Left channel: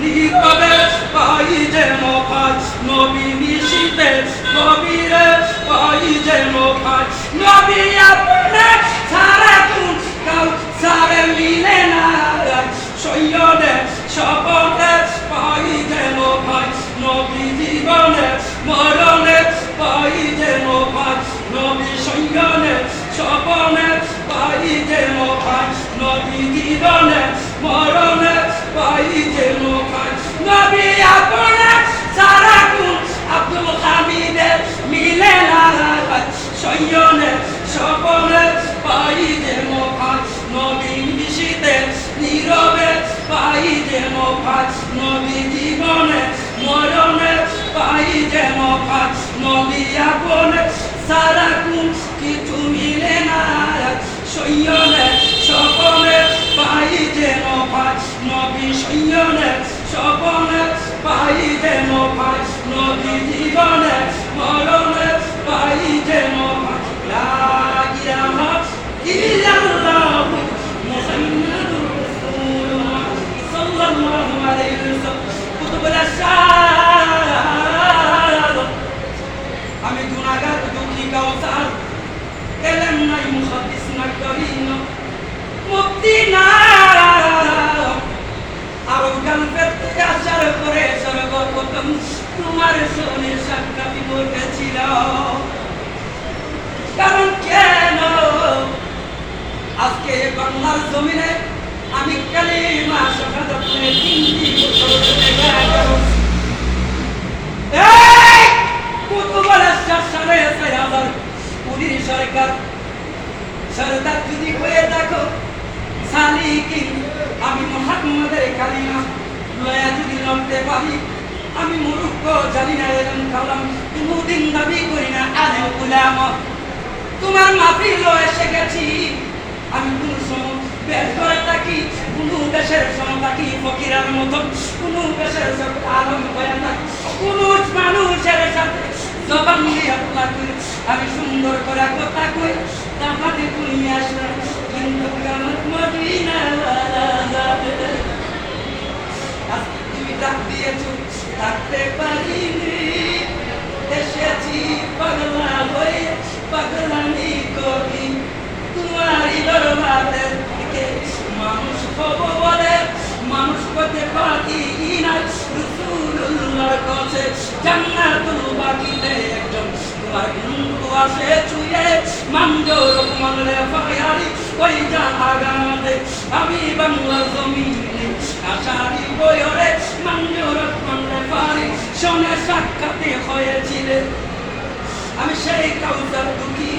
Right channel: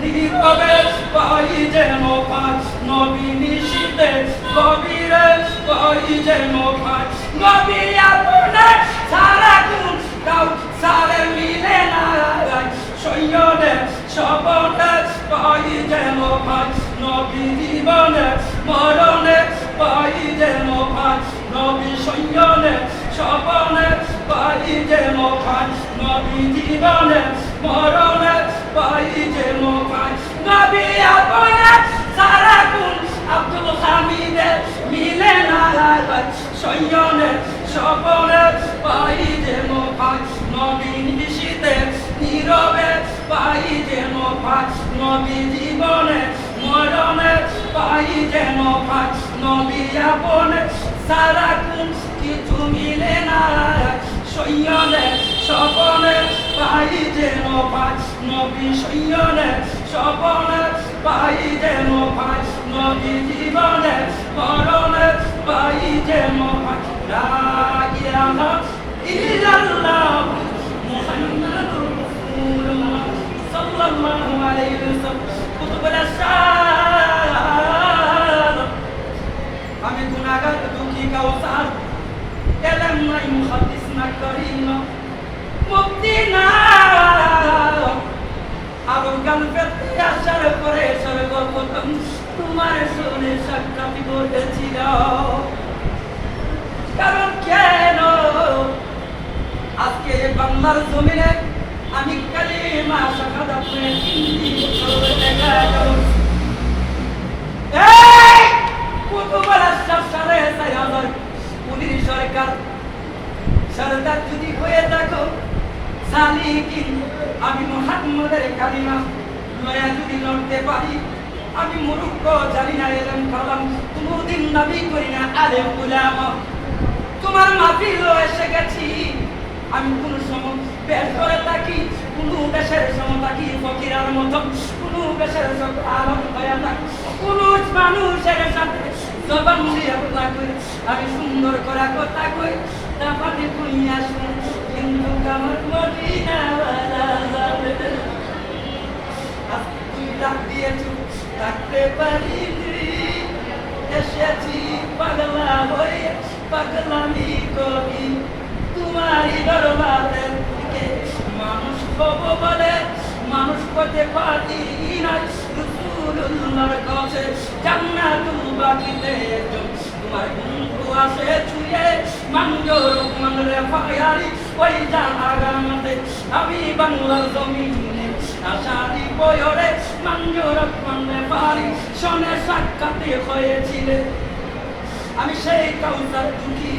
নীরবে পাই যেন পাঁচ নবী নিশীতে গভীরে পাই যেন পাঁচ নবী আপনে সারা গুণ কাউ সারে মিলে না সৈয়দে স্বপনে পাই যেন পাঁচ নবী জীবনে মরণে পাই যেন পাঁচ নবী সৈয়দে স্বপনে পাই যেন পাঁচ নবী জীবনে মরণে পাই যেন পাঁচ নবী আপনে সারা গুণ আব্দুল হামিদে মিলে না সৈয়দে স্বপনে পাই যেন পাঁচ নবী নিশীতে নীরবে পাই যেন পাঁচ নবী জীবনে মরণে পাই যেন পাঁচ নবী আপনে সারা গুণ কিছু মিলে না সৈয়দে স্বপনে পাই যেন পাঁচ নবী সৈয়দে স্বপনে পাই যেন পাঁচ নবী জীবনে মরণে পাই যেন পাঁচ লা ইলাহা ইল্লাল্লাহ মুহাম্মাদুর রাসূলুল্লাহ সাল্লাল্লাহু আলাইহি ওয়াসাল্লাম কুতুবুল আশার আমি গুনাহগার দুঃখী কাউসার এলেম নাই মুহাদ্দিস নাই করিম মুক্তি না আরো কালপেতে আসার করে সর্বপ্রথম তোমার শোনে সাক্ষাৎ ঘটেছিল কারণ কেন আজকে বাংলার জমিনে আমি কালিমা শাহাদাত পড়ে 3 বছর দেখা গেল এই কুতুবুল আশরাফ সালে 4000 সরকার সরদার যদি হয়ে দেখো সালিকিন আমি মুহাম্মাদের কালিমা লয়া যদি লড়তে পারি আমি মূর্খ জানি না এলেন কালাম কোনদিন দাবি করি না আলে উলামা তোমার মাহফিল এসে গেছি আমি কোন সময় বের করে থাকি কোন দেশের সময় থাকি ফকিরার মতন কোন দেশের সব আলম হয়ে থাকি কোন মানুষের সাথে জবান দিয়ে কথা কই আমি সুন্দর করে কথা কই তাহলে তুমি আসলে কিন্তু আমার মদিনা যাবে তুমি ডাক দিয়েছো থাকতে পারিনি এসেছি পাগলা হয়ে পাগলামি করি তোমারই দরবারে মানুষ হব বলে মানুষ হতে পারি নাই রাসূলুল্লাহর কাছে জান্নাতুল বাকিতে একজন তোমার বন্ধু আসে ছুঁয়ে মানজোর মানলে ফায়ারি ওই জাহাগাতে আমি বাংলা জমিনে আশারি বয়রে মানজোর মানলে ফারি শোনে সাক্ষাতে হয়েছিলে আমি সেই কাউসার দুঃখী